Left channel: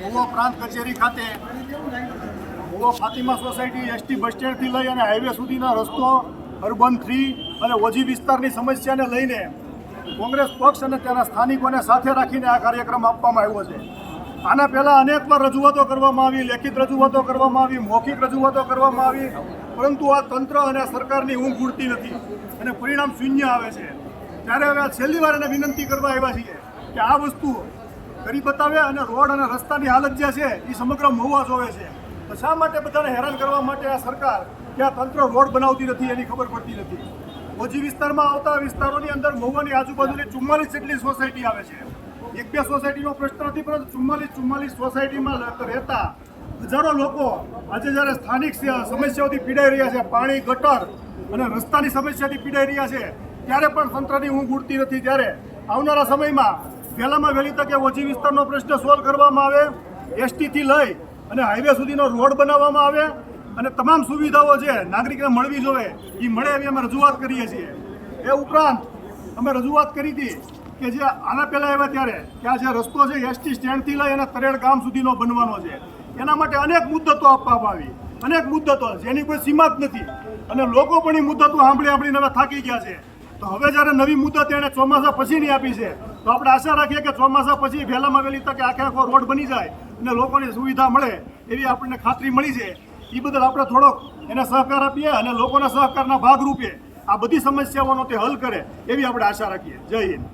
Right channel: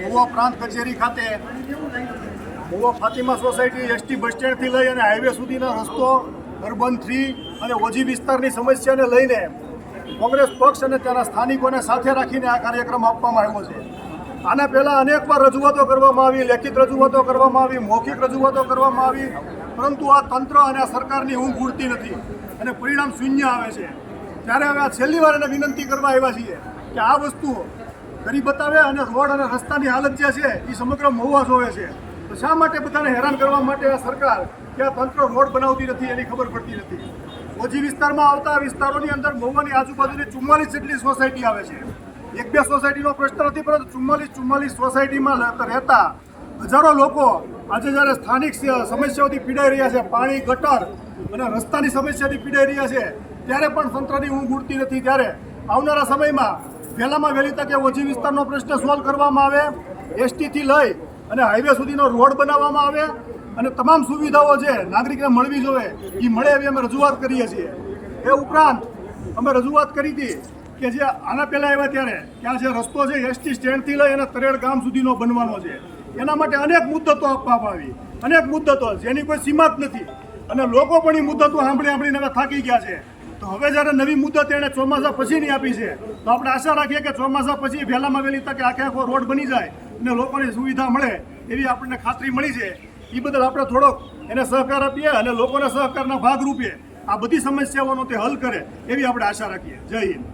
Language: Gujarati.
મહુવા પ્રાંત કચેરી ખાતે Mahuva Fatima society ST bus સ્ટેન્ડથી લઈ અને હાઈવે સુધીનો રસ્તો અર્બન 3 અને ઓજી વિસ્તારની સમસ્યાને લઈને કોંગ્રેસ પક્ષ અને તેના સ્થાનિકોને સાથે રાખીને આ કાર્યક્રમ આપવામાં આવ્યો છે। આના પહેલાં અનેકવાર રજૂઆતો કરવામાં આવી, લેખિત રજૂઆતો કરવામાં આવી, મૌખિક રજૂઆતો કરવામાં આવી, પરંતુ આ તંત્ર અને આ સરકારની ઊંઘ ઉડતી નથી અને પરિણામ શૂન્ય આવે છે। ત્યારે હવે આ છેલ્લી વાર એને વિનંતી કરવા આવ્યા છીએ કે આ વસ્તુઓ કરી બતાવે અને રોડ અને રસ્તાની હાલત જે છે એ સમગ્ર મહુવા જોવે છે। તો શા માટે બધાને હેરાન કરવા માટે આ સરકાર કે આ તંત્ર રોડ બનાવતી નથી એની ખબર પડતી નથી। ઓજી વિસ્તારમાં આવતા વિસ્તારોની અંદર મહુવાની આજુબાજુની 44 જેટલી સોસાયટી આવે છે। એક બે સોસાયટીનો પ્રશ્ન નથી, પરંતુ 44 સોસાયટીમાં રહેતા હજારો લોકો આજે જ્યારે સ્થાનિક સમસ્યાઓથી પીડાઈ રહ્યા છે, પાણી, ગટર અને રસ્તાની સમસ્યાથી પીડાઈ રહ્યા છે, ત્યારે પણ તંત્રની ઊંઘ ઉડતી નથી। ત્યારે આવનારા સમયમાં વહેલામાં વહેલી તકે ઓજી વિસ્તારનો પ્રશ્ન સોલ્વ કરવામાં આવે, એસટીથી લઈ અને હાઈવે સુધીનો રોડ બનાવવામાં આવે અને તમામ સુવિધાઓ જે નાગરિકને મળવી જોઈએ એ મળે એવી અમે રજૂઆત કરીએ છીએ। એ ઉપરાંત અમે રજૂઆત કરી હતી કે જે આના પહેલાં આવ્યા ત્યારે કે આ જે રસ્તો છે એસટી સ્ટેન્ડથી લઈ અને તરેડ ગામ સુધીનો બનવાનો છે, એના માટે અનેક મુદ્દતો આપવામાં આવી, અનેક મુદ્દતો જેની કોઈ સીમા જ નથી અને લોકો પણ એ મુદ્દતો સાંભળીને હવે થાકી ગયા છે। તો હવે જ્યારે નવી મુદત એણે ચોમાસા પછીની આપી છે, તો આપણે આશા રાખીએ કે ચોમાસા પછી વહેલામાં વહેલી તકે આખો રોડ બની જાય અને લોકોને સુવિધા મળે એવી આપણને ખાતરી મળી છે। એ બદલ આપણે થોડોક એને સહકાર આપીએ અને લોકોના સહકારના ભાગરૂપે આ બધી સમસ્યાઓનો તે હલ કરે એવી આપણે આશા રાખીએ। જય હિન્દ।